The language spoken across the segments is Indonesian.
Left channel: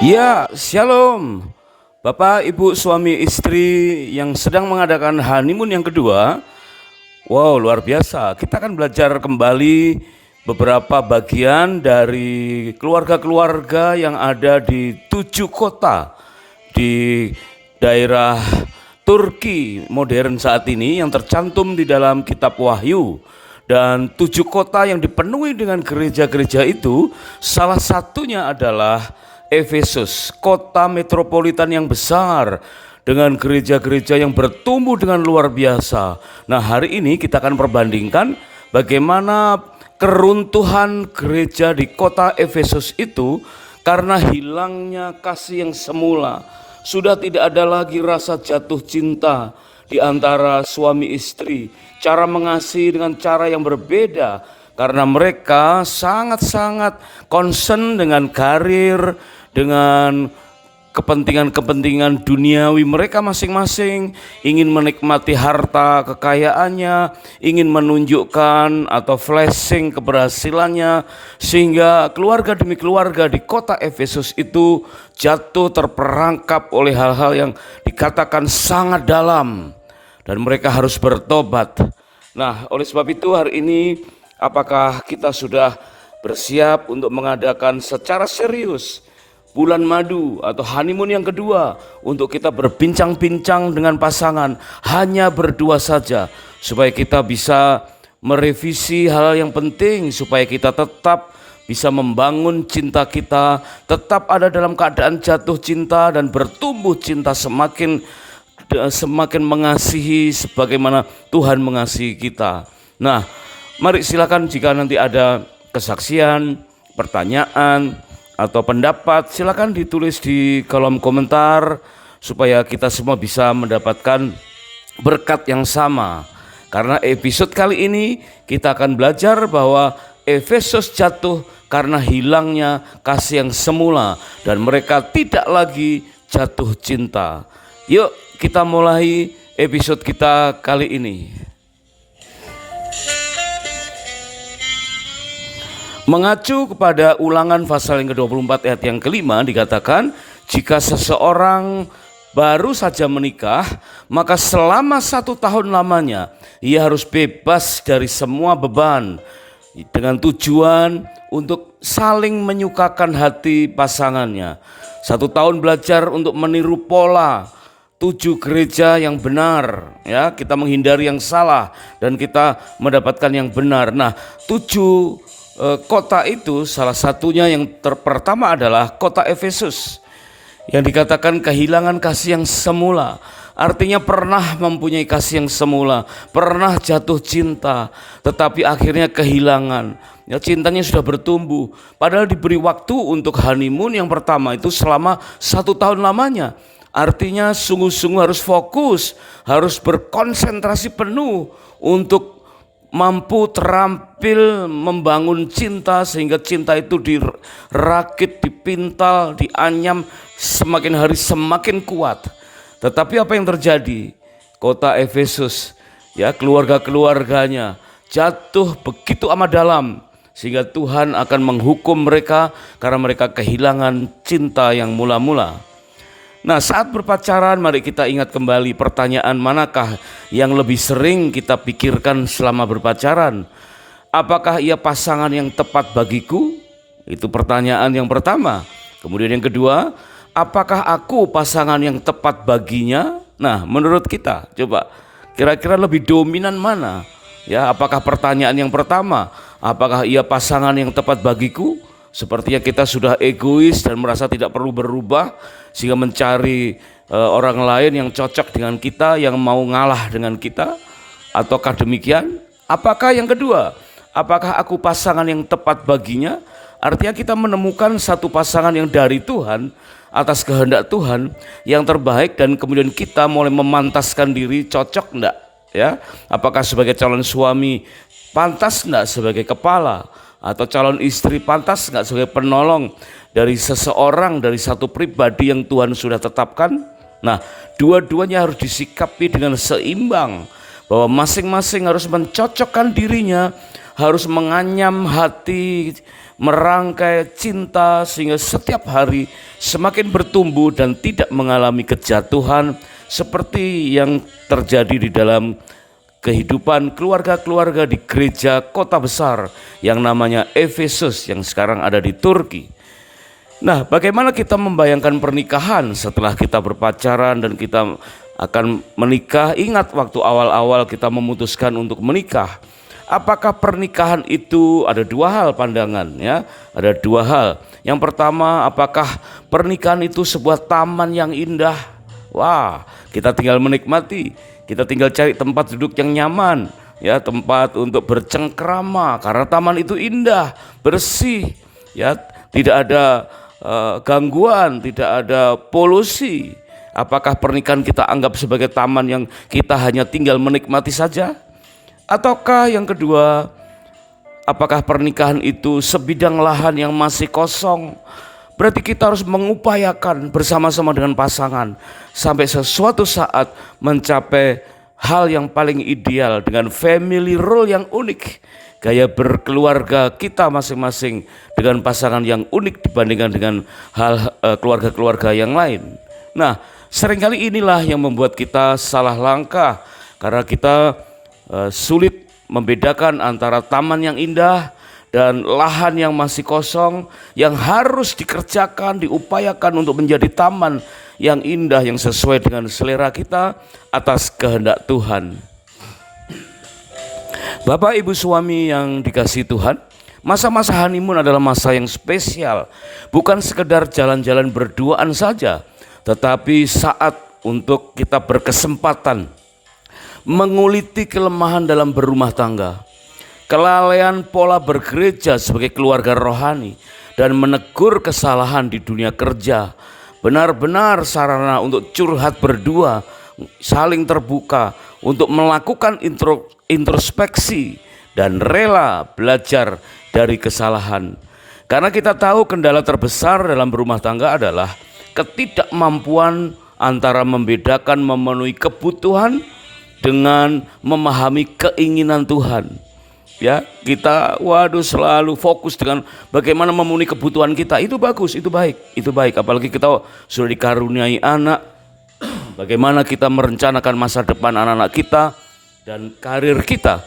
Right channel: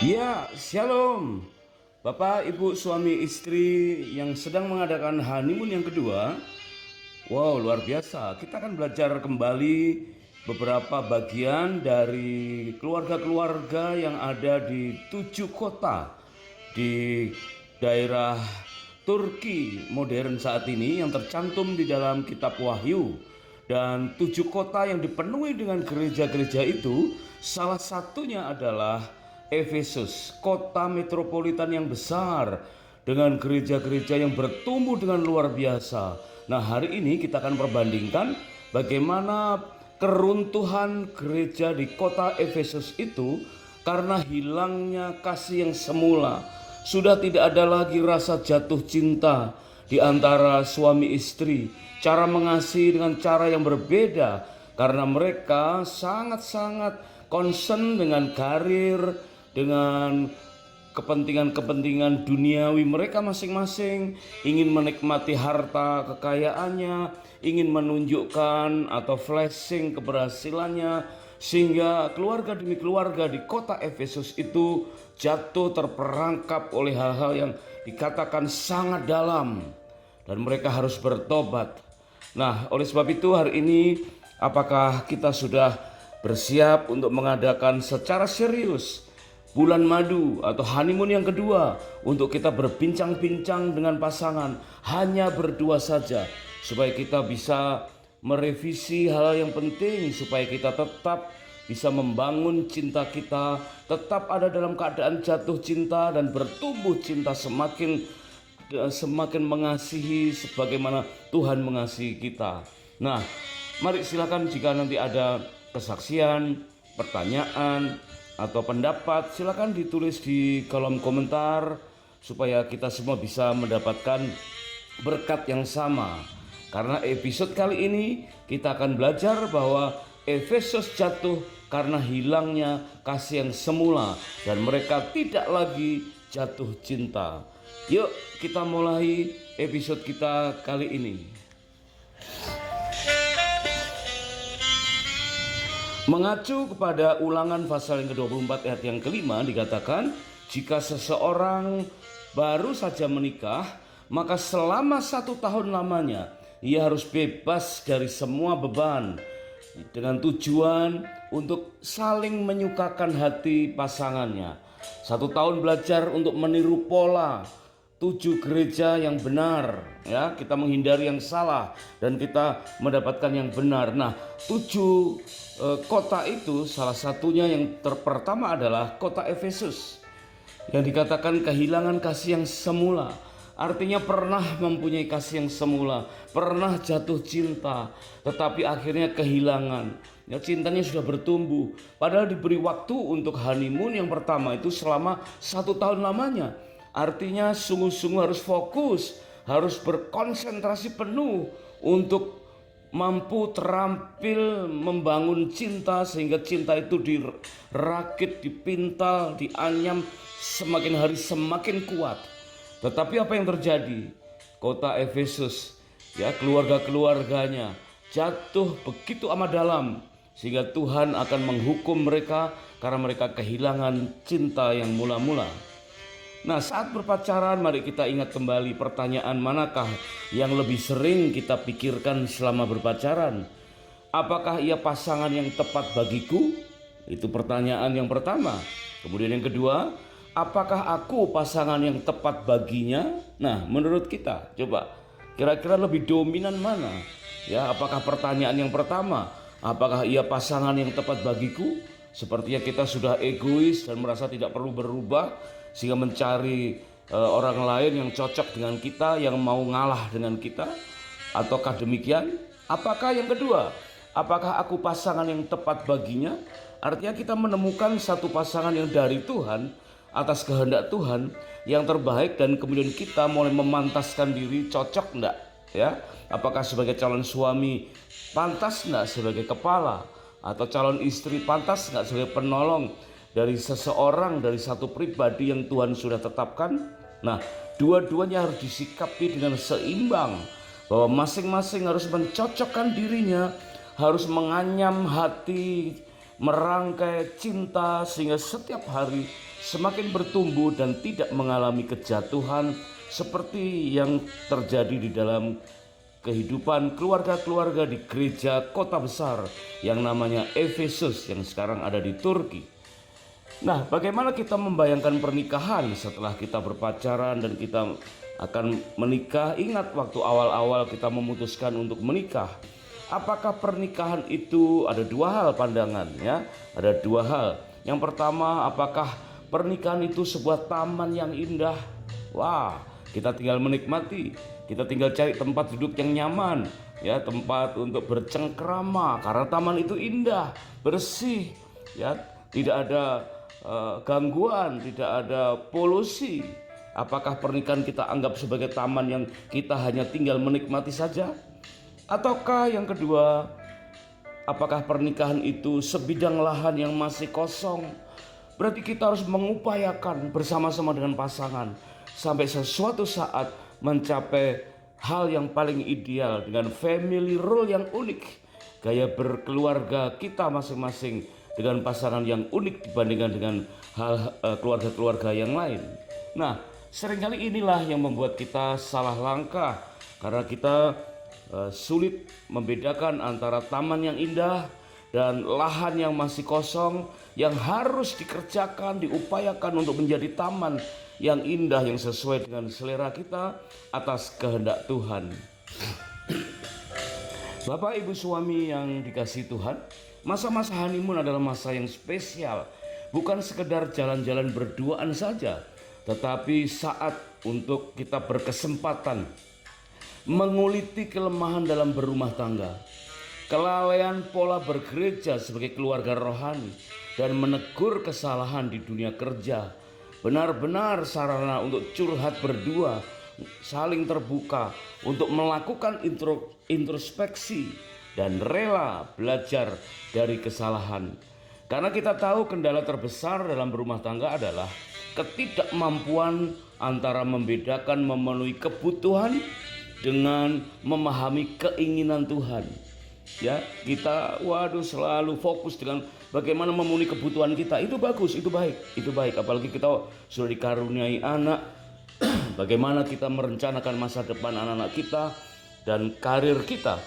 Ya, shalom. Bapak, Ibu, suami istri yang sedang mengadakan honeymoon yang kedua. Wow, luar biasa. Kita akan belajar kembali beberapa bagian dari keluarga-keluarga yang ada di 7 kota di daerah Turki modern saat ini yang tercantum di dalam kitab Wahyu. Dan 7 kota yang dipenuhi dengan gereja-gereja itu, salah satunya adalah Efesus, kota metropolitan yang besar dengan gereja-gereja yang bertumbuh dengan luar biasa. Nah, hari ini kita akan perbandingkan bagaimana keruntuhan gereja di kota Efesus itu karena hilangnya kasih yang semula. Sudah tidak ada lagi rasa jatuh cinta di antara suami istri, cara mengasihi dengan cara yang berbeda karena mereka sangat-sangat concern dengan karir, dengan kepentingan-kepentingan duniawi mereka masing-masing, ingin menikmati harta kekayaannya, ingin menunjukkan atau flashing keberhasilannya, sehingga keluarga demi keluarga di kota Efesus itu jatuh terperangkap oleh hal-hal yang dikatakan sangat dalam dan mereka harus bertobat. Nah, oleh sebab itu hari ini apakah kita sudah bersiap untuk mengadakan secara serius bulan madu atau honeymoon yang kedua untuk kita berbincang-bincang dengan pasangan hanya berdua saja, supaya kita bisa merevisi hal yang penting, supaya kita tetap bisa membangun cinta kita, tetap ada dalam keadaan jatuh cinta dan bertumbuh cinta semakin mengasihi sebagaimana Tuhan mengasihi kita. Nah, mari silakan jika nanti ada kesaksian, pertanyaan atau pendapat, silakan ditulis di kolom komentar supaya kita semua bisa mendapatkan berkat yang sama. Karena episode kali ini kita akan belajar bahwa Efesus jatuh karena hilangnya kasih yang semula dan mereka tidak lagi jatuh cinta. Yuk kita mulai episode kita kali ini. Mengacu kepada Ulangan pasal yang ke-24 ayat yang kelima dikatakan, jika seseorang baru saja menikah, maka selama 1 tahun lamanya ia harus bebas dari semua beban dengan tujuan untuk saling menyukakan hati pasangannya. 1 tahun belajar untuk meniru pola 7 gereja yang benar, ya, kita menghindari yang salah dan kita mendapatkan yang benar. Nah, 7 kota itu salah satunya yang pertama adalah kota Efesus yang dikatakan kehilangan kasih yang semula. Artinya pernah mempunyai kasih yang semula, pernah jatuh cinta, tetapi akhirnya kehilangan. Ya, cintanya sudah bertumbuh, padahal diberi waktu untuk honeymoon yang pertama itu selama 1 tahun lamanya. Artinya sungguh-sungguh harus fokus, harus berkonsentrasi penuh untuk mampu terampil membangun cinta, sehingga cinta itu dirakit, dipintal, dianyam, semakin hari semakin kuat. Tetapi apa yang terjadi? Kota Efesus, ya, keluarga-keluarganya jatuh begitu amat dalam sehingga Tuhan akan menghukum mereka karena mereka kehilangan cinta yang mula-mula. Nah, saat berpacaran mari kita ingat kembali pertanyaan manakah yang lebih sering kita pikirkan selama berpacaran. Apakah ia pasangan yang tepat bagiku? Itu pertanyaan yang pertama. Kemudian yang kedua, apakah aku pasangan yang tepat baginya? Nah, menurut kita coba kira-kira lebih dominan mana? Ya, apakah pertanyaan yang pertama, apakah ia pasangan yang tepat bagiku? Sepertinya kita sudah egois dan merasa tidak perlu berubah sehingga mencari orang lain yang cocok dengan kita, yang mau ngalah dengan kita. Ataukah demikian? Apakah yang kedua, apakah aku pasangan yang tepat baginya? Artinya kita menemukan satu pasangan yang dari Tuhan, atas kehendak Tuhan yang terbaik, dan kemudian kita mulai memantaskan diri, cocok enggak, ya? Apakah sebagai calon suami pantas enggak sebagai kepala, atau calon istri pantas enggak sebagai penolong dari seseorang, dari satu pribadi yang Tuhan sudah tetapkan? Nah, dua-duanya harus disikapi dengan seimbang, bahwa masing-masing harus mencocokkan dirinya, harus menganyam hati, merangkai cinta sehingga setiap hari semakin bertumbuh dan tidak mengalami kejatuhan seperti yang terjadi di dalam kehidupan keluarga-keluarga di gereja kota besar yang namanya Efesus yang sekarang ada di Turki. Nah, bagaimana kita membayangkan pernikahan setelah kita berpacaran dan kita akan menikah? Ingat waktu awal-awal kita memutuskan untuk menikah. Apakah pernikahan itu ada dua hal pandangan ya? Ada dua hal. Yang pertama, apakah pernikahan itu sebuah taman yang indah? Wah, kita tinggal menikmati. Kita tinggal cari tempat duduk yang nyaman, ya, tempat untuk bercengkrama karena taman itu indah, bersih, ya, tidak ada gangguan, tidak ada polusi. Apakah pernikahan kita anggap sebagai taman yang kita hanya tinggal menikmati saja? Ataukah yang kedua, apakah pernikahan itu sebidang lahan yang masih kosong? Berarti kita harus mengupayakan bersama-sama dengan pasangan sampai sesuatu saat mencapai hal yang paling ideal dengan family role yang unik. Gaya berkeluarga kita masing-masing dengan pasangan yang unik dibandingkan dengan hal keluarga-keluarga yang lain. Nah, seringkali inilah yang membuat kita salah langkah karena kita sulit membedakan antara taman yang indah dan lahan yang masih kosong yang harus dikerjakan, diupayakan untuk menjadi taman yang indah yang sesuai dengan selera kita atas kehendak Tuhan. Bapak ibu suami yang dikasihi Tuhan, masa-masa honeymoon adalah masa yang spesial. Bukan sekedar jalan-jalan berduaan saja, tetapi saat untuk kita berkesempatan menguliti kelemahan dalam berumah tangga, kelalaian pola bergereja sebagai keluarga rohani, dan menegur kesalahan di dunia kerja. Benar-benar sarana untuk curhat berdua, saling terbuka, untuk melakukan introspeksi dan rela belajar dari kesalahan. Karena kita tahu kendala terbesar dalam berumah tangga adalah ketidakmampuan antara membedakan memenuhi kebutuhan dengan memahami keinginan Tuhan. Ya, kita selalu fokus dengan bagaimana memenuhi kebutuhan kita. Itu bagus, itu baik. Apalagi kita sudah dikaruniai anak, bagaimana kita merencanakan masa depan anak-anak kita dan karir kita.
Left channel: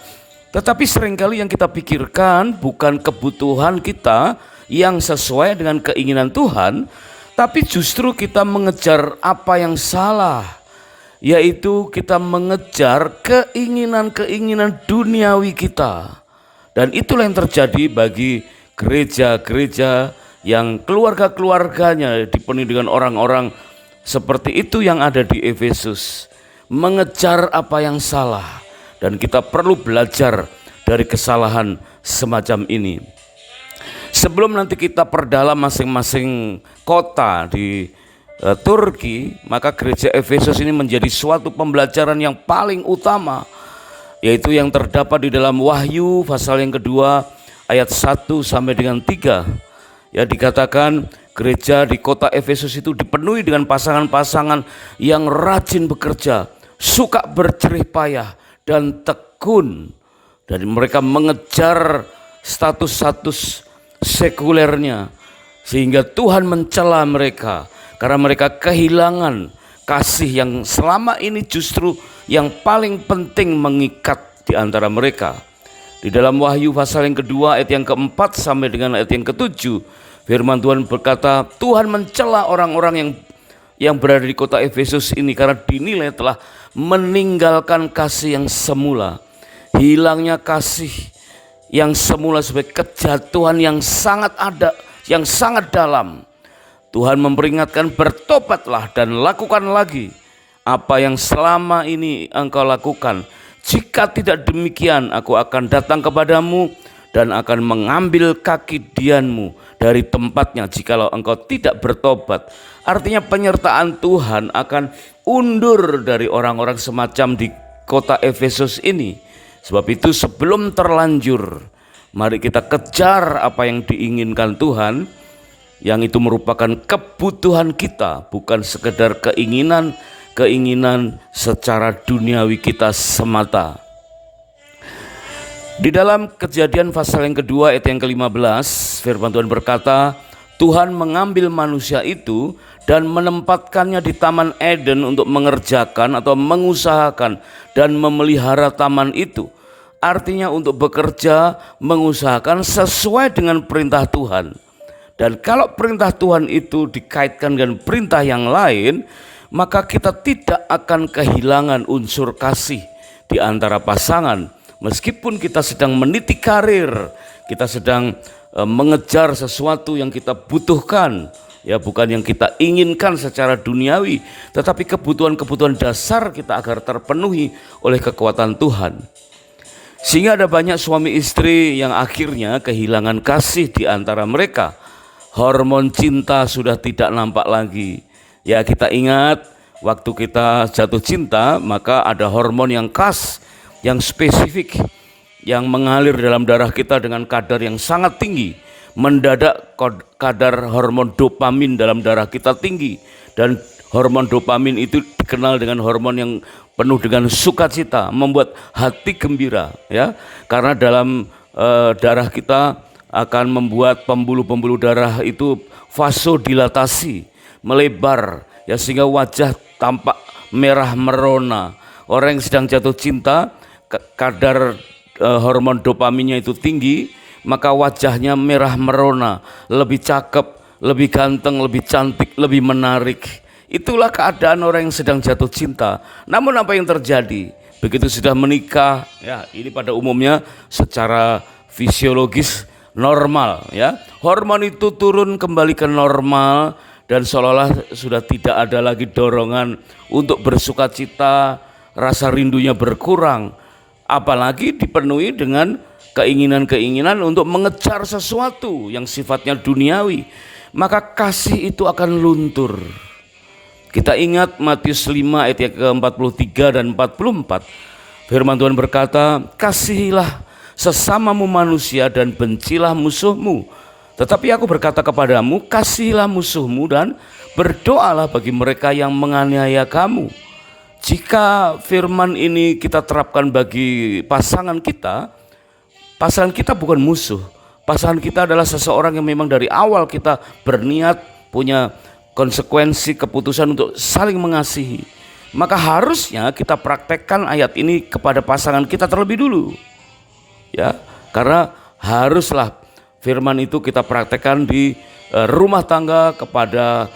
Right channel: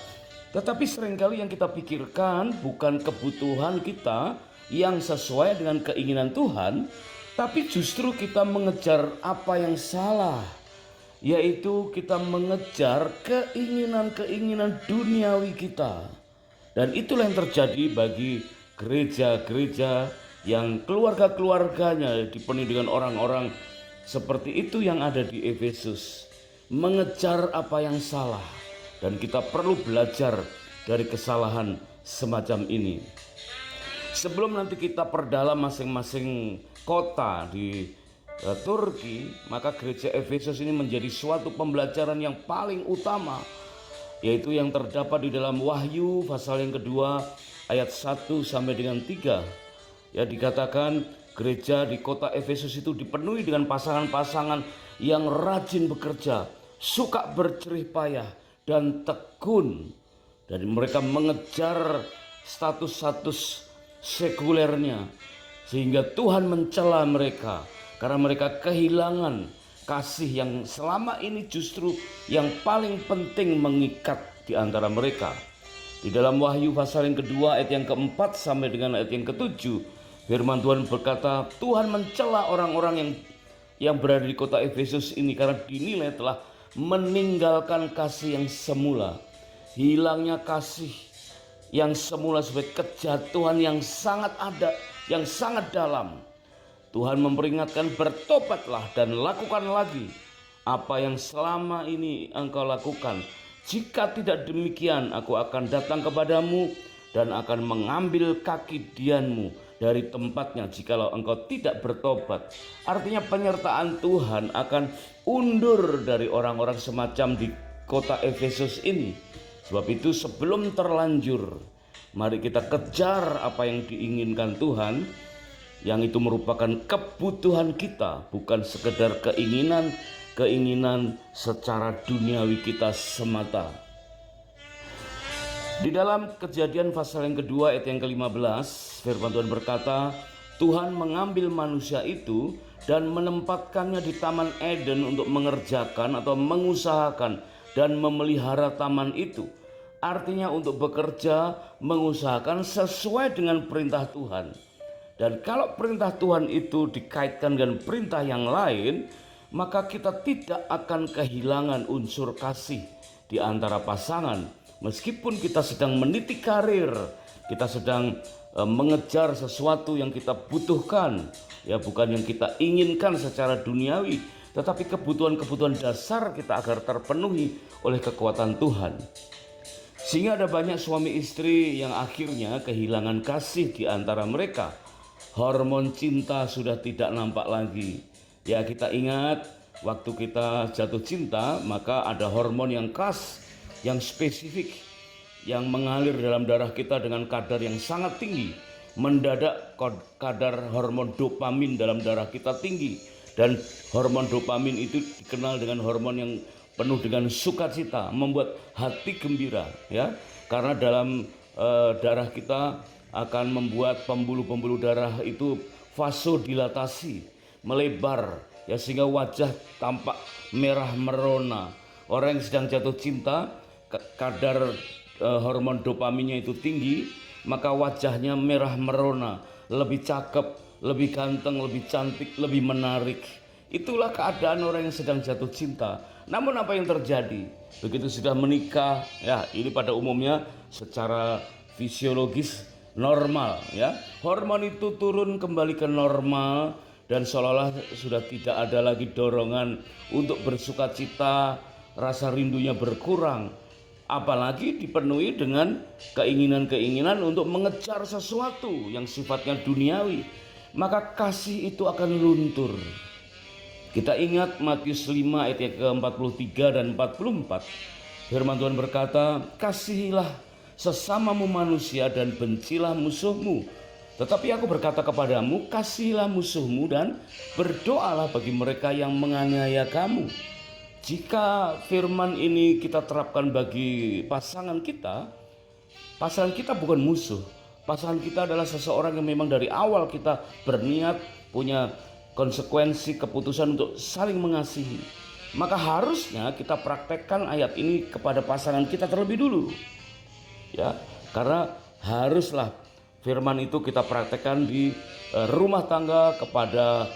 Tetapi seringkali yang kita pikirkan bukan kebutuhan kita yang sesuai dengan keinginan Tuhan, tapi justru kita mengejar apa yang salah, yaitu kita mengejar keinginan-keinginan duniawi kita. Dan itulah yang terjadi bagi gereja-gereja yang keluarga-keluarganya dipenuhi dengan orang-orang seperti itu yang ada di Efesus. Mengejar apa yang salah, dan kita perlu belajar dari kesalahan semacam ini. Sebelum nanti kita perdalam masing-masing kota di Turki, maka gereja Efesus ini menjadi suatu pembelajaran yang paling utama, yaitu yang terdapat di dalam Wahyu pasal yang kedua ayat 1 sampai dengan 3. Ya, dikatakan gereja di kota Efesus itu dipenuhi dengan pasangan-pasangan yang rajin bekerja, suka berjerih payah dan tekun. Dan mereka mengejar status-status sekulernya sehingga Tuhan mencela mereka karena mereka kehilangan kasih yang selama ini justru yang paling penting mengikat di antara mereka. Di dalam Wahyu pasal yang kedua ayat yang keempat sampai dengan ayat yang ketujuh, firman Tuhan berkata, Tuhan mencela orang-orang yang berada di kota Efesus ini karena dinilai telah meninggalkan kasih yang semula. Hilangnya kasih yang semula sebagai kejatuhan yang sangat ada, yang sangat dalam. Tuhan memperingatkan, bertobatlah dan lakukan lagi apa yang selama ini engkau lakukan. Jika tidak demikian, aku akan datang kepadamu dan akan mengambil kaki dianmu dari tempatnya jikalau engkau tidak bertobat. Artinya penyertaan Tuhan akan undur dari orang-orang semacam di kota Efesus ini. Sebab itu sebelum terlanjur, mari kita kejar apa yang diinginkan Tuhan, yang itu merupakan kebutuhan kita, bukan sekedar keinginan secara duniawi kita semata. Di dalam Kejadian pasal yang kedua ayat yang ke-15, firman Tuhan berkata, Tuhan mengambil manusia itu dan menempatkannya di Taman Eden untuk mengerjakan atau mengusahakan dan memelihara taman itu. Artinya untuk bekerja, mengusahakan sesuai dengan perintah Tuhan. Dan kalau perintah Tuhan itu dikaitkan dengan perintah yang lain, maka kita tidak akan kehilangan unsur kasih di antara pasangan. Meskipun kita sedang meniti karir, kita sedang mengejar sesuatu yang kita butuhkan, ya bukan yang kita inginkan secara duniawi, tetapi kebutuhan-kebutuhan dasar kita agar terpenuhi oleh kekuatan Tuhan. Sehingga ada banyak suami istri yang akhirnya kehilangan kasih di antara mereka. Hormon cinta sudah tidak nampak lagi. Ya, kita ingat waktu kita jatuh cinta, maka ada hormon yang khas, yang spesifik, yang mengalir dalam darah kita dengan kadar yang sangat tinggi. Mendadak kadar hormon dopamin dalam darah kita tinggi, dan hormon dopamin itu dikenal dengan hormon yang penuh dengan sukacita, membuat hati gembira, ya. Karena dalam darah kita akan membuat pembuluh-pembuluh darah itu vasodilatasi, melebar, ya, sehingga wajah tampak merah merona. Orang yang sedang jatuh cinta, kadar hormon dopaminnya itu tinggi, maka wajahnya merah merona, lebih cakep, lebih ganteng, lebih cantik, lebih menarik. Itulah keadaan orang yang sedang jatuh cinta. Namun apa yang terjadi? Begitu sudah menikah, ya, ini pada umumnya secara fisiologis normal, ya. Hormon itu turun kembali ke normal dan seolah-olah sudah tidak ada lagi dorongan untuk bersukacita, rasa rindunya berkurang. Apalagi dipenuhi dengan keinginan-keinginan untuk mengejar sesuatu yang sifatnya duniawi, maka kasih itu akan luntur. Kita ingat Matius 5 ayat yang ke-43 dan 44. Firman Tuhan berkata, kasihilah sesamamu manusia dan bencilah musuhmu. Tetapi aku berkata kepadamu, kasihilah musuhmu dan berdoalah bagi mereka yang menganiaya kamu. Jika firman ini kita terapkan bagi pasangan kita bukan musuh. Pasangan kita adalah seseorang yang memang dari awal kita berniat punya konsekuensi keputusan untuk saling mengasihi. Maka harusnya kita praktekkan ayat ini kepada pasangan kita terlebih dulu. Ya, karena haruslah firman itu kita praktekkan di rumah tangga kepada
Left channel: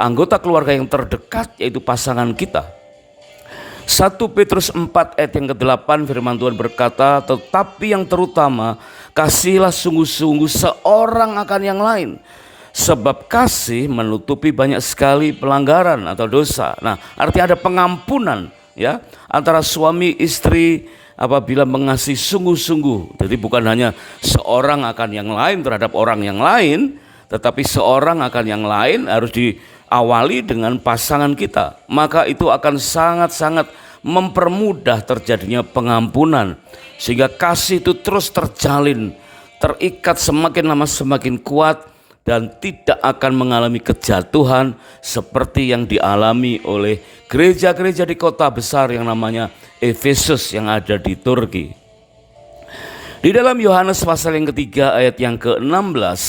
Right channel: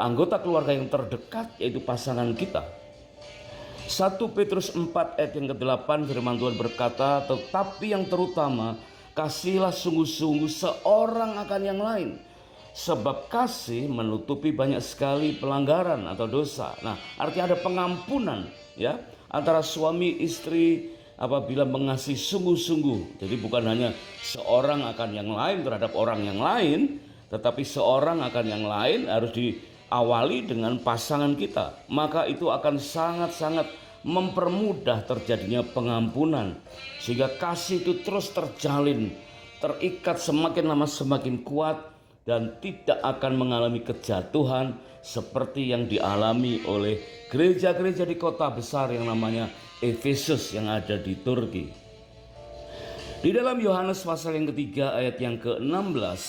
anggota keluarga yang terdekat, yaitu pasangan kita. 1 Petrus 4 ayat yang ke-8 firman Tuhan berkata, tetapi yang terutama kasihilah sungguh-sungguh seorang akan yang lain, sebab kasih menutupi banyak sekali pelanggaran atau dosa. Nah, artinya ada pengampunan, ya, antara suami istri apabila mengasihi sungguh-sungguh. Jadi bukan hanya seorang akan yang lain terhadap orang yang lain, tetapi seorang akan yang lain harus diawali dengan pasangan kita. Maka itu akan sangat-sangat mempermudah terjadinya pengampunan, sehingga kasih itu terus terjalin, terikat semakin lama semakin kuat, dan tidak akan mengalami kejatuhan seperti yang dialami oleh gereja-gereja di kota besar yang namanya Efesus yang ada di Turki. Di dalam Yohanes pasal yang ketiga ayat yang ke-16,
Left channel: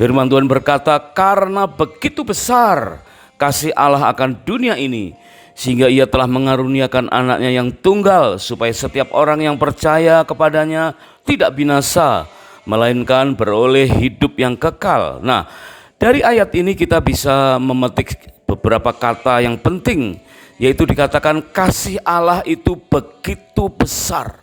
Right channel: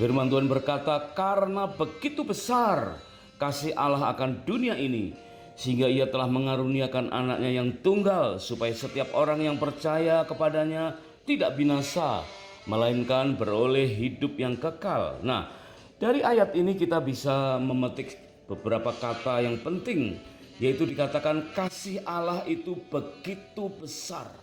firman Tuhan berkata, karena begitu besar kasih Allah akan dunia ini, sehingga ia telah mengaruniakan anaknya yang tunggal, supaya setiap orang yang percaya kepadanya tidak binasa, melainkan beroleh hidup yang kekal. Nah, dari ayat ini kita bisa memetik beberapa kata yang penting, yaitu dikatakan kasih Allah itu begitu besar.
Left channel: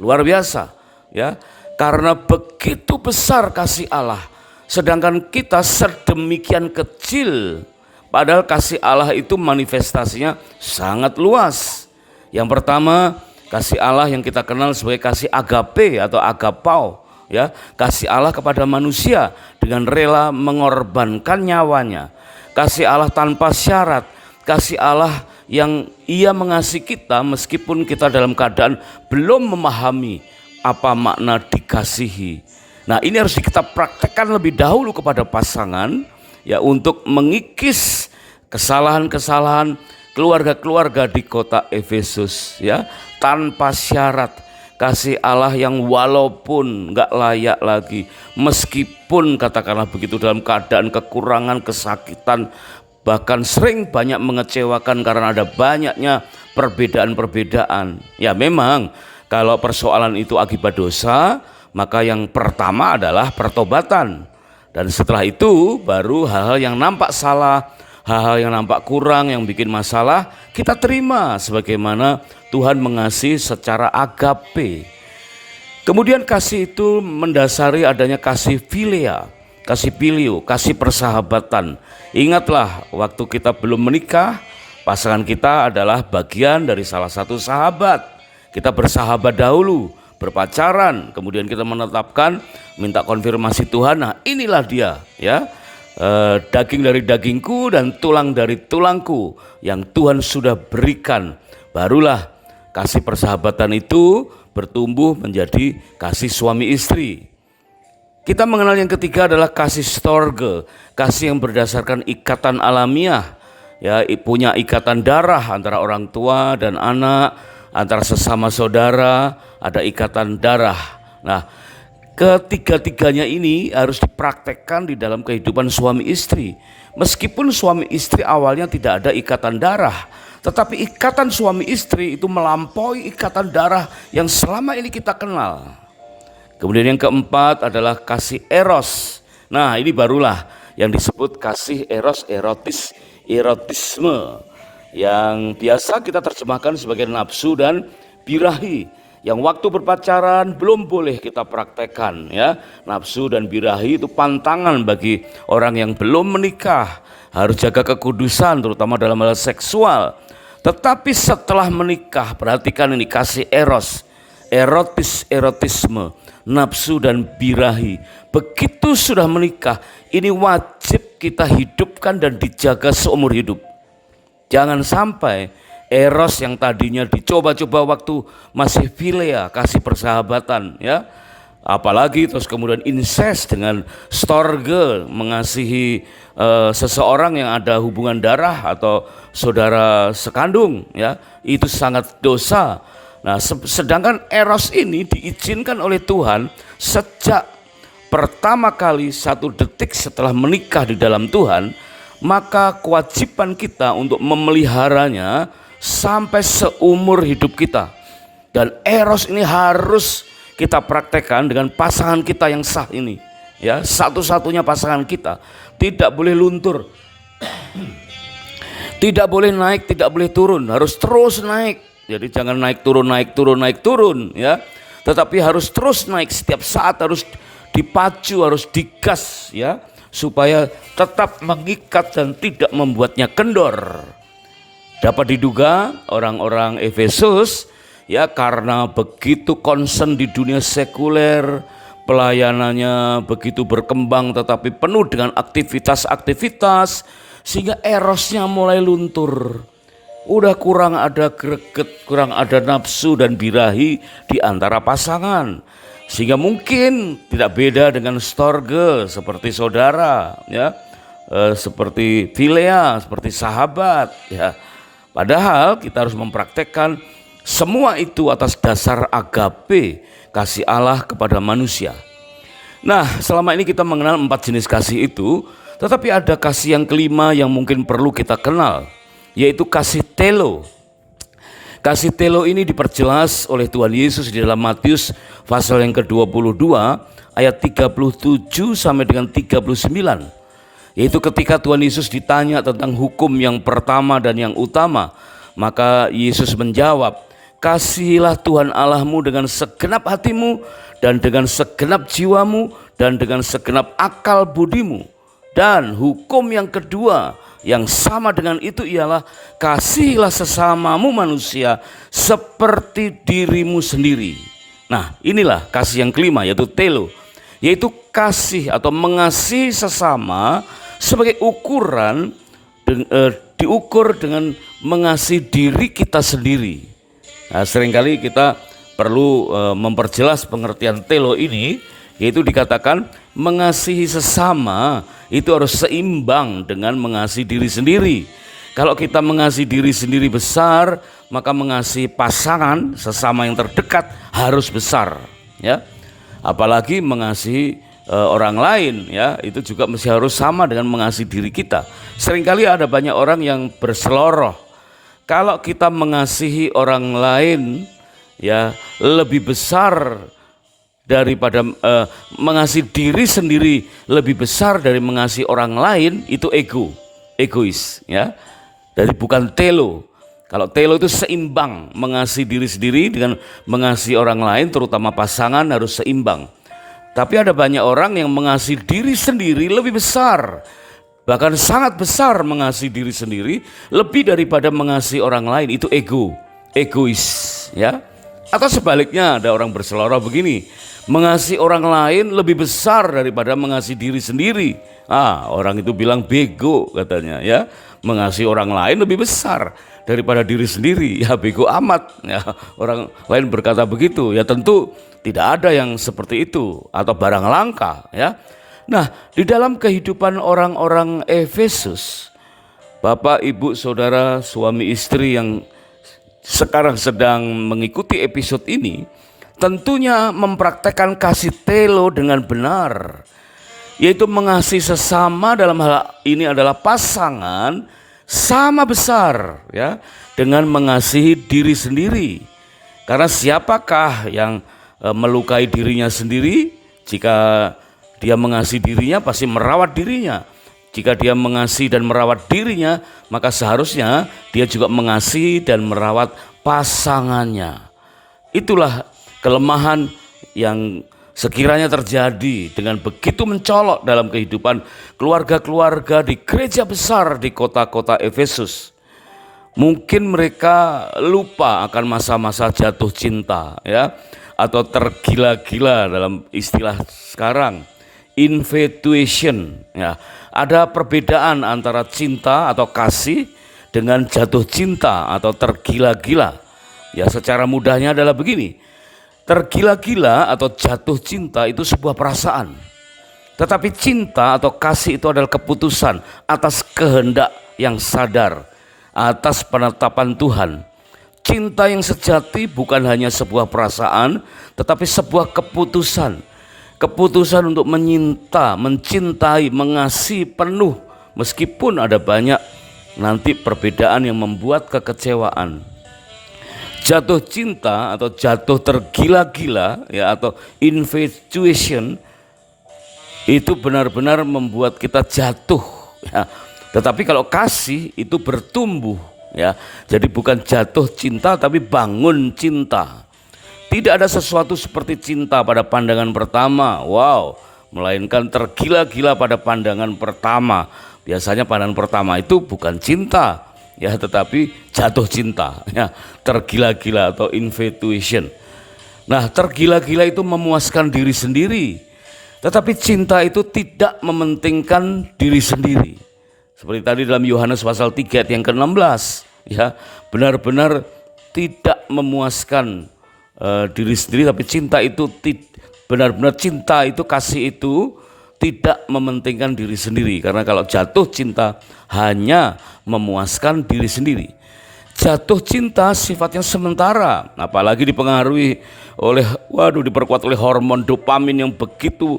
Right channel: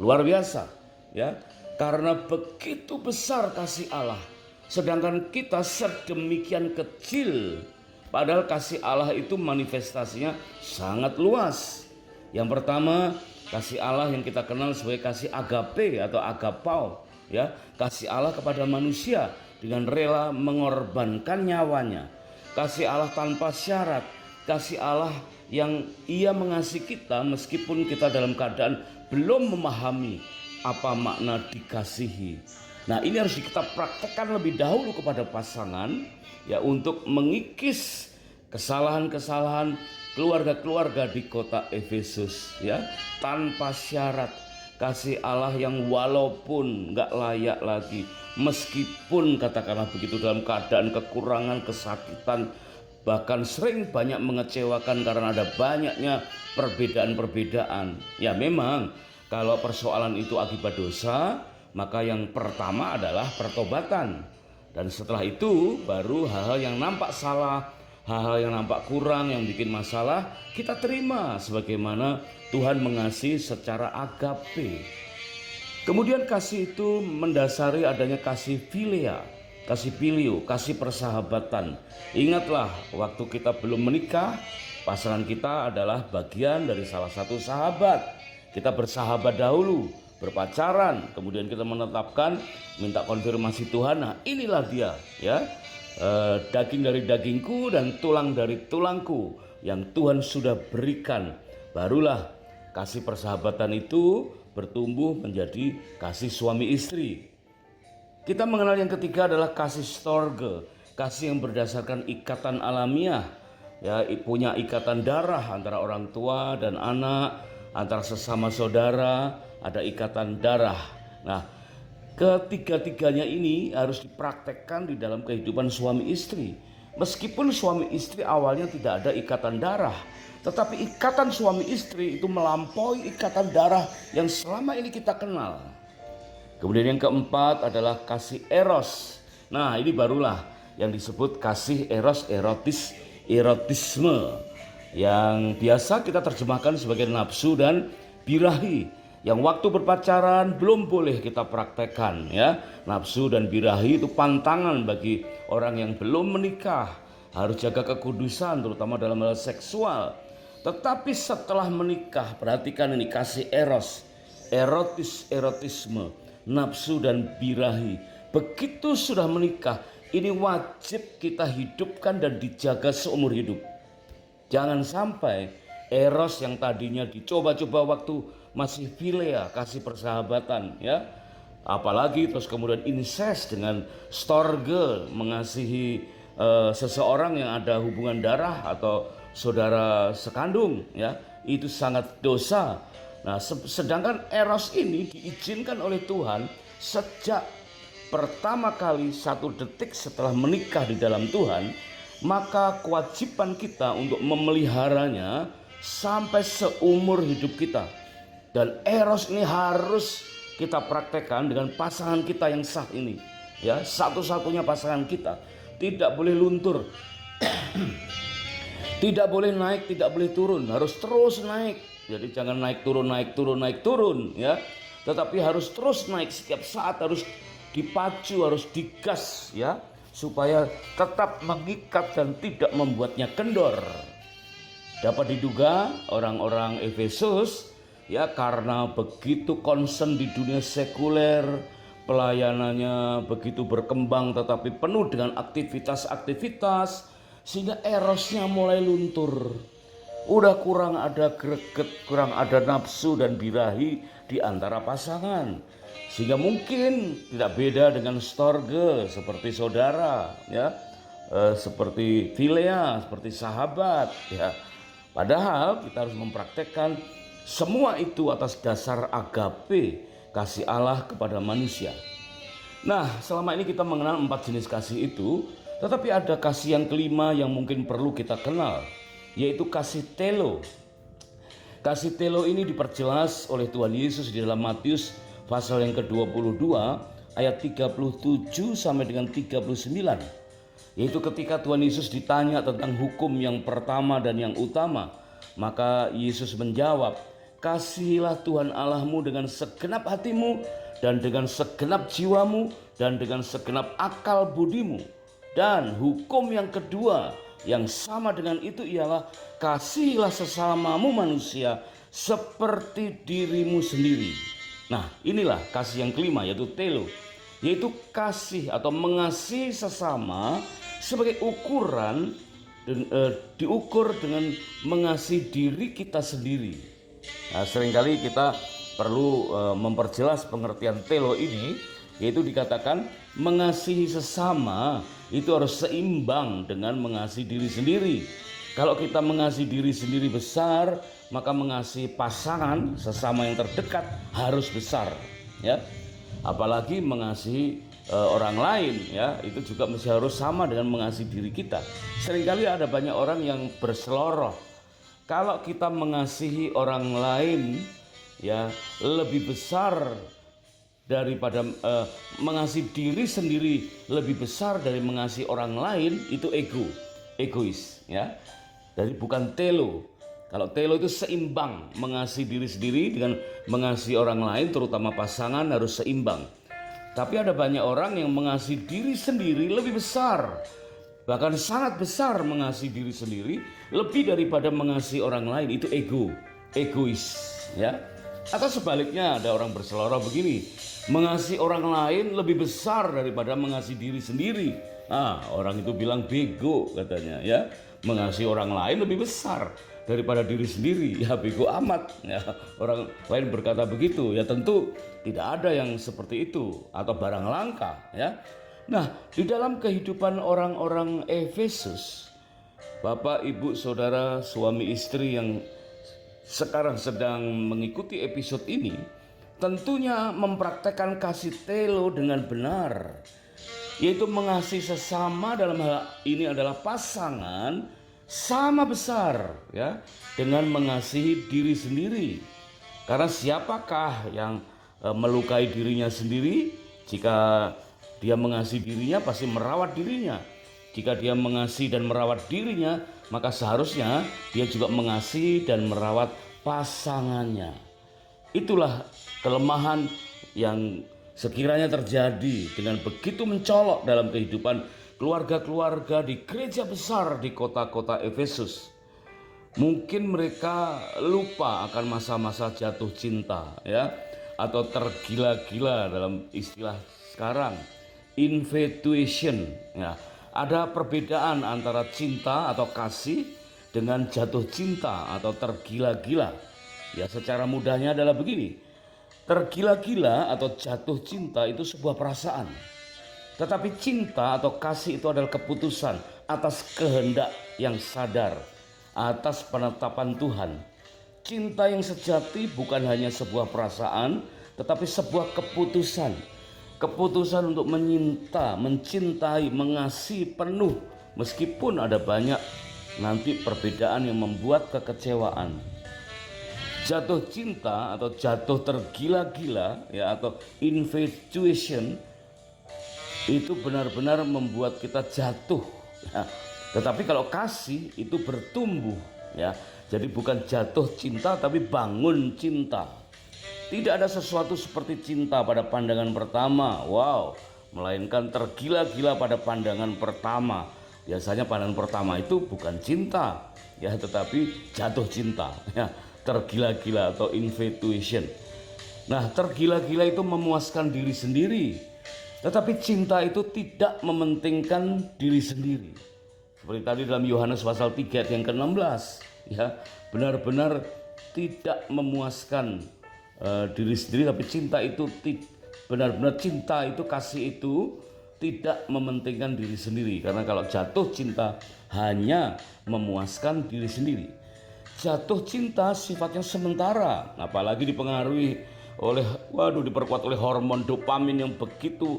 Luar biasa, ya. Karena begitu besar kasih Allah, sedangkan kita sedemikian kecil. Padahal kasih Allah itu manifestasinya sangat luas. Yang pertama, kasih Allah yang kita kenal sebagai kasih agape atau agapau, ya, kasih Allah kepada manusia dengan rela mengorbankan nyawanya. Kasih Allah tanpa syarat, kasih Allah yang ia mengasihi kita meskipun kita dalam keadaan belum memahami apa makna dikasihi. Nah, ini harus kita praktekkan lebih dahulu kepada pasangan, ya, untuk mengikis kesalahan-kesalahan keluarga-keluarga di kota Efesus, ya, tanpa syarat. kasih Allah yang walaupun nggak layak lagi, meskipun katakanlah begitu dalam keadaan kekurangan, kesakitan, bahkan sering banyak mengecewakan karena ada banyaknya perbedaan-perbedaan. Ya memang kalau persoalan itu akibat dosa, maka yang pertama adalah pertobatan. Dan setelah itu baru hal-hal yang nampak salah, hal-hal yang nampak kurang, yang bikin masalah, kita terima sebagaimana Tuhan mengasihi secara agape. Kemudian kasih itu mendasari adanya kasih philia, kasih filio, kasih persahabatan. Ingatlah waktu kita belum menikah, pasangan kita adalah bagian dari salah satu sahabat. Kita bersahabat dahulu, berpacaran, kemudian kita menetapkan, minta konfirmasi Tuhan. Nah inilah dia ya, daging dari dagingku dan tulang dari tulangku yang Tuhan sudah berikan. Barulah kasih persahabatan itu bertumbuh menjadi kasih suami istri. Kita mengenal yang ketiga adalah kasih storge, kasih yang berdasarkan ikatan alamiah, ya, punya ikatan darah antara orang tua dan anak, antara sesama saudara, ada ikatan darah. Nah, ketiga-tiganya ini harus dipraktekkan di dalam kehidupan suami istri. Meskipun suami istri awalnya tidak ada ikatan darah, tetapi ikatan suami istri itu melampaui ikatan darah yang selama ini kita kenal. Kemudian yang keempat adalah kasih eros. Nah ini barulah yang disebut kasih eros, erotisme, yang biasa kita terjemahkan sebagai nafsu dan birahi, yang waktu berpacaran belum boleh kita praktekkan ya. Nafsu dan birahi itu pantangan bagi orang yang belum menikah, harus jaga kekudusan terutama dalam hal seksual. Tetapi setelah menikah, perhatikan ini, kasih eros, erotisme, nafsu dan birahi. Begitu sudah menikah, ini wajib kita hidupkan dan dijaga seumur hidup. Jangan sampai eros yang tadinya dicoba-coba waktu masih philia, kasih persahabatan ya, apalagi terus kemudian incest dengan storge, mengasihi seseorang yang ada hubungan darah atau saudara sekandung ya, itu sangat dosa. Nah sedangkan eros ini diizinkan oleh Tuhan sejak pertama kali 1 detik setelah menikah di dalam Tuhan, maka kewajiban kita untuk memeliharanya sampai seumur hidup kita. Dan eros ini harus kita praktekkan dengan pasangan kita yang sah ini ya, satu-satunya pasangan kita. Tidak boleh luntur, tidak boleh naik, tidak boleh turun, harus terus naik. Jadi jangan naik turun ya, tetapi harus terus naik, setiap saat harus dipacu, harus digas ya, supaya tetap mengikat dan tidak membuatnya kendor. Dapat diduga orang-orang Efesus ya, karena begitu concern di dunia sekuler, pelayanannya begitu berkembang tetapi penuh dengan aktivitas-aktivitas, sehingga erosnya mulai luntur. Udah kurang ada greget, kurang ada nafsu dan birahi di antara pasangan, sehingga mungkin tidak beda dengan storge, seperti saudara ya, seperti philia, seperti sahabat ya. Padahal kita harus mempraktekkan semua itu atas dasar agape, kasih Allah kepada manusia. Nah selama ini kita mengenal 4 jenis kasih itu, tetapi ada kasih yang kelima yang mungkin perlu kita kenal, yaitu kasih telo. Kasih telo ini diperjelas oleh Tuhan Yesus di dalam Matius pasal yang ke-22 ayat 37 sampai dengan 39. Yaitu ketika Tuhan Yesus ditanya tentang hukum yang pertama dan yang utama, maka Yesus menjawab, kasihilah Tuhan Allahmu dengan segenap hatimu dan dengan segenap jiwamu dan dengan segenap akal budimu. Dan hukum yang kedua yang sama dengan itu ialah kasihilah sesamamu manusia seperti dirimu sendiri. Nah inilah kasih yang kelima, yaitu telo, yaitu kasih atau mengasihi sesama sebagai ukuran diukur dengan mengasihi diri kita sendiri. Nah, seringkali kita perlu memperjelas pengertian telo ini, yaitu dikatakan mengasihi sesama itu harus seimbang dengan mengasihi diri sendiri. Kalau kita mengasihi diri sendiri besar, maka mengasihi pasangan sesama yang terdekat harus besar, ya. Apalagi mengasihi orang lain, ya, itu juga mesti harus sama dengan mengasihi diri kita. Seringkali ada banyak orang yang berseloroh. Kalau kita mengasihi orang lain, ya, lebih besar daripada mengasihi diri sendiri lebih besar dari mengasihi orang lain, itu egois, ya. Dari bukan telo. Kalau telo itu seimbang, mengasihi diri sendiri dengan mengasihi orang lain, terutama pasangan harus seimbang. Tapi ada banyak orang yang mengasihi diri sendiri lebih besar, bahkan sangat besar mengasihi diri sendiri lebih daripada mengasihi orang lain. Itu egois, ya. Atau sebaliknya, ada orang berseloroh begini, mengasihi orang lain lebih besar daripada mengasihi diri sendiri. Orang itu bilang bego katanya, ya. Mengasihi orang lain lebih besar daripada diri sendiri, ya bego amat, ya. Orang lain berkata begitu, ya tentu tidak ada yang seperti itu atau barang langka, ya. Nah, di dalam kehidupan orang-orang Efesus, Bapak, Ibu, Saudara, suami istri yang sekarang sedang mengikuti episode ini, tentunya mempraktekkan kasih telo dengan benar, yaitu mengasihi sesama, dalam hal ini adalah pasangan, sama besar, ya, dengan mengasihi diri sendiri. Karena siapakah yang melukai dirinya sendiri? Jika dia mengasihi dirinya, pasti merawat dirinya. Jika dia mengasihi dan merawat dirinya, maka seharusnya dia juga mengasihi dan merawat pasangannya. Itulah kelemahan yang sekiranya terjadi dengan begitu mencolok dalam kehidupan keluarga-keluarga di gereja besar di kota-kota Efesus. Mungkin mereka lupa akan masa-masa jatuh cinta, ya, atau tergila-gila dalam istilah sekarang, infatuation, ya. Ada perbedaan antara cinta atau kasih dengan jatuh cinta atau tergila-gila. Ya, secara mudahnya adalah begini. Tergila-gila atau jatuh cinta itu sebuah perasaan. Tetapi cinta atau kasih itu adalah keputusan atas kehendak yang sadar, atas penetapan Tuhan. Cinta yang sejati bukan hanya sebuah perasaan, tetapi sebuah keputusan. Keputusan untuk mencintai, mengasihi penuh, meskipun ada banyak nanti perbedaan yang membuat kekecewaan. Jatuh cinta atau jatuh tergila-gila, ya, atau infatuation itu benar-benar membuat kita jatuh, ya. Tetapi kalau kasih itu bertumbuh, ya. Jadi bukan jatuh cinta tapi bangun cinta. Tidak ada sesuatu seperti cinta pada pandangan pertama, melainkan tergila-gila pada pandangan pertama. Biasanya pandangan pertama itu bukan cinta, ya, tetapi jatuh cinta, ya, tergila-gila atau infatuation. Nah, tergila-gila itu memuaskan diri sendiri, tetapi cinta itu tidak mementingkan diri sendiri. Seperti tadi dalam Yohanes pasal 3 ayat yang ke-16, ya, benar-benar tidak memuaskan diri sendiri, tapi cinta itu benar-benar cinta itu, kasih itu tidak mementingkan diri sendiri. Karena kalau jatuh cinta hanya memuaskan diri sendiri. Jatuh cinta sifatnya sementara, apalagi dipengaruhi oleh diperkuat oleh hormon dopamin yang begitu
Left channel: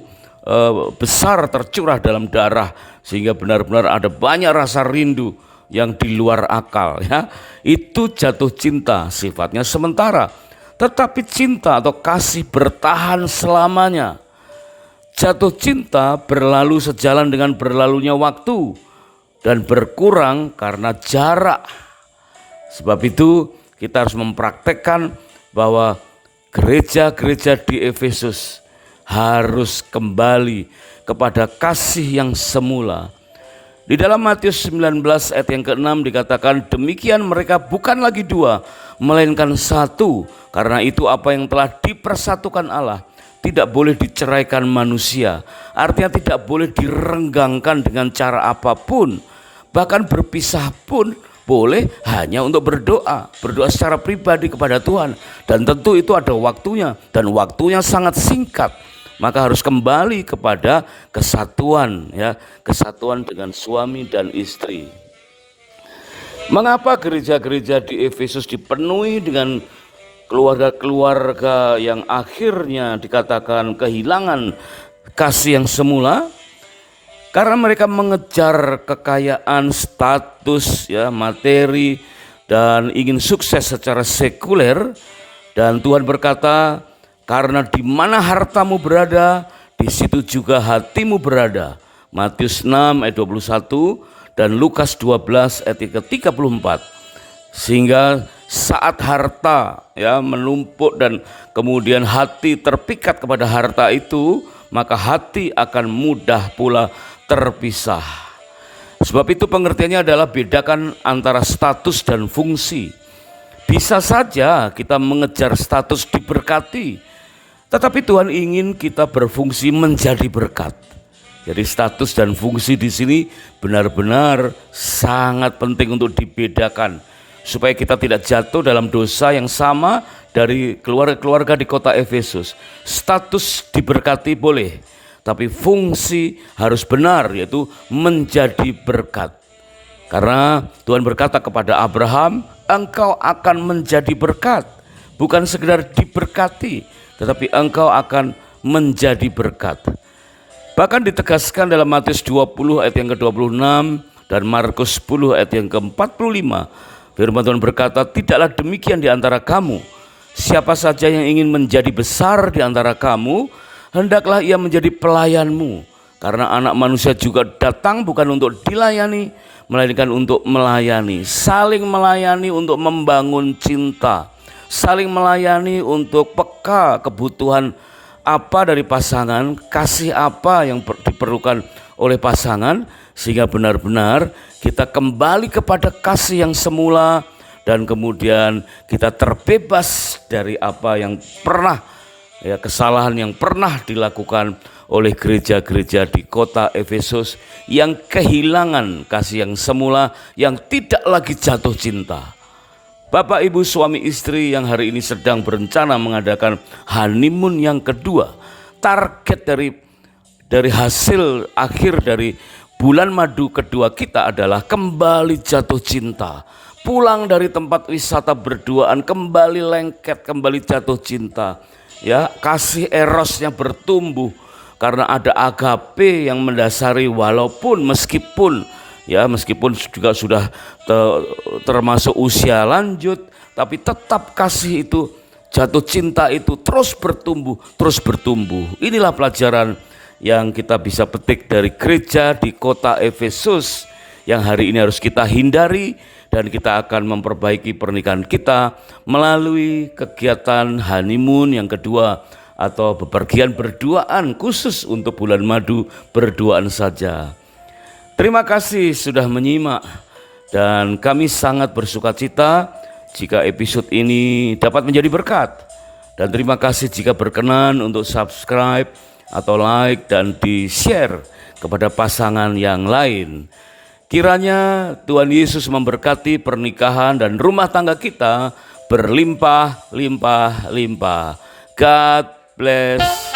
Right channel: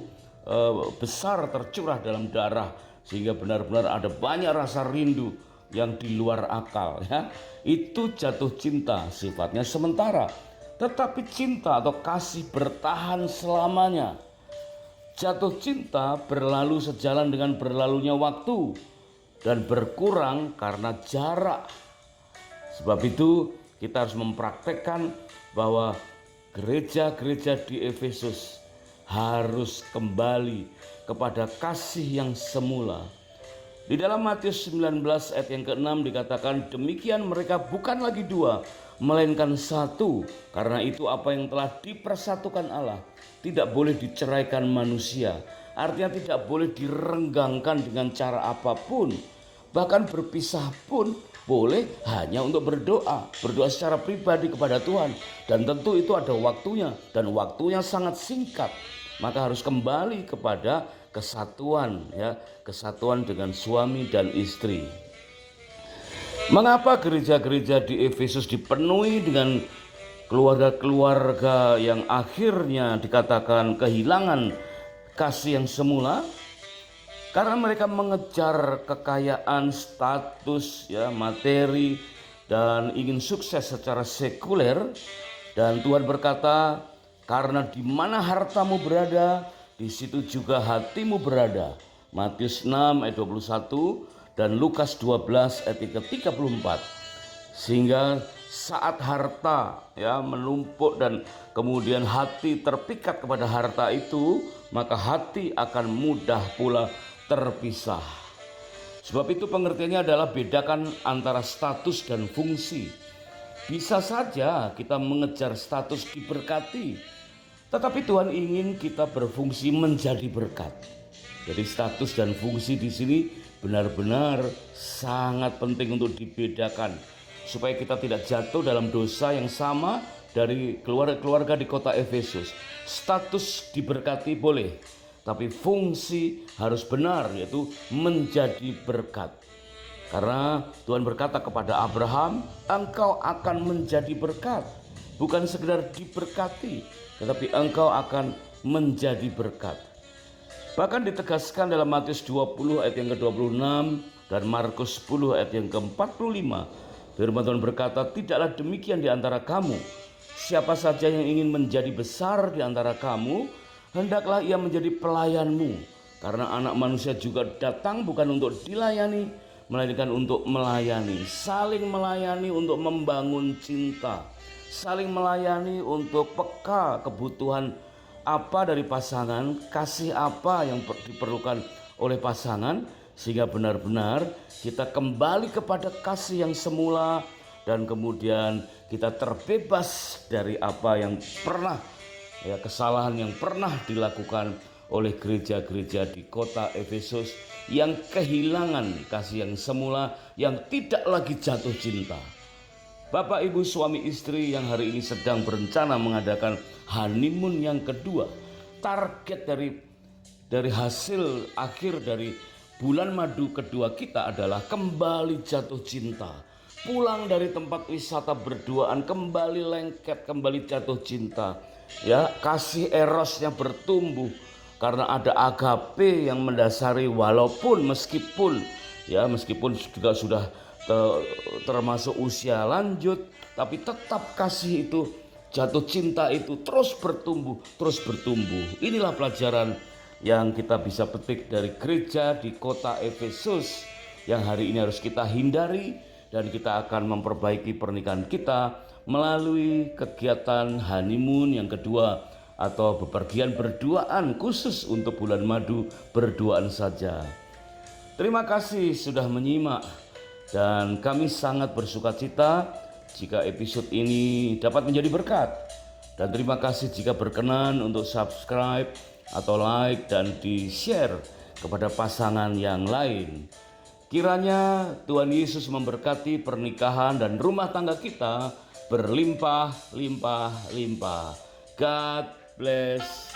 besar tercurah dalam darah, sehingga benar-benar ada banyak rasa rindu yang di luar akal, ya. Itu jatuh cinta, sifatnya sementara. Tetapi cinta atau kasih bertahan selamanya. Jatuh cinta berlalu sejalan dengan berlalunya waktu dan berkurang karena jarak. Sebab itu kita harus mempraktekkan bahwa gereja-gereja di Efesus harus kembali kepada kasih yang semula. Di dalam Matius 19 ayat yang ke-6 dikatakan, demikian mereka bukan lagi dua, melainkan satu. Karena itu apa yang telah dipersatukan Allah tidak boleh diceraikan manusia. Artinya tidak boleh direnggangkan dengan cara apapun. Bahkan berpisah pun boleh hanya untuk berdoa secara pribadi kepada Tuhan. Dan tentu itu ada waktunya, dan waktunya sangat singkat. Maka harus kembali kepada kesatuan, ya, kesatuan dengan suami dan istri. Mengapa gereja-gereja di Efesus dipenuhi dengan keluarga-keluarga yang akhirnya dikatakan kehilangan kasih yang semula? Karena mereka mengejar kekayaan, status, ya, materi, dan ingin sukses secara sekuler. Dan Tuhan berkata, karena di mana hartamu berada, di situ juga hatimu berada. Matius 6 ayat 21 dan Lukas 12 ayat ke-34. Sehingga saat harta, ya, menumpuk dan kemudian hati terpikat kepada harta itu, maka hati akan mudah pula terpisah. Sebab itu pengertiannya adalah bedakan antara status dan fungsi. Bisa saja kita mengejar status diberkati, tetapi Tuhan ingin kita berfungsi menjadi berkat. Jadi status dan fungsi di sini benar-benar sangat penting untuk dibedakan, supaya kita tidak jatuh dalam dosa yang sama dari keluarga-keluarga di kota Efesus. Status diberkati boleh, tapi fungsi harus benar, yaitu menjadi berkat. Karena Tuhan berkata kepada Abraham, engkau akan menjadi berkat. Bukan sekedar diberkati, tetapi engkau akan menjadi berkat. Bahkan ditegaskan dalam Matius 20 ayat yang ke-26 dan Markus 10 ayat yang ke-45. Firman Tuhan berkata, tidaklah demikian di antara kamu. Siapa saja yang ingin menjadi besar di antara kamu, hendaklah ia menjadi pelayanmu. Karena anak manusia juga datang bukan untuk dilayani, melainkan untuk melayani. Saling melayani untuk membangun cinta. Saling melayani untuk peka kebutuhan apa dari pasangan, kasih apa yang diperlukan oleh pasangan, sehingga benar-benar kita kembali kepada kasih yang semula, dan kemudian kita terbebas dari apa yang pernah, ya, kesalahan yang pernah dilakukan oleh gereja-gereja di kota Efesus yang kehilangan kasih yang semula, yang tidak lagi jatuh cinta. Bapak, ibu, suami, istri yang hari ini sedang berencana mengadakan honeymoon yang kedua, target dari hasil akhir dari bulan madu kedua kita adalah kembali jatuh cinta. Pulang dari tempat wisata berduaan, kembali lengket, kembali jatuh cinta. Ya, kasih erosnya bertumbuh karena ada agape yang mendasari, meskipun juga sudah termasuk usia lanjut, tapi tetap kasih itu, jatuh cinta itu terus bertumbuh. Inilah pelajaran yang kita bisa petik dari gereja di kota Efesus yang hari ini harus kita hindari, dan kita akan memperbaiki pernikahan kita melalui kegiatan honeymoon yang kedua, atau bepergian berduaan khusus untuk bulan madu berduaan saja. Terima kasih sudah menyimak, dan kami sangat bersuka cita jika episode ini dapat menjadi berkat. Dan terima kasih jika berkenan untuk subscribe atau like dan di-share kepada pasangan yang lain. Kiranya Tuhan Yesus memberkati pernikahan dan rumah tangga kita berlimpah-limpah-limpah. God bless.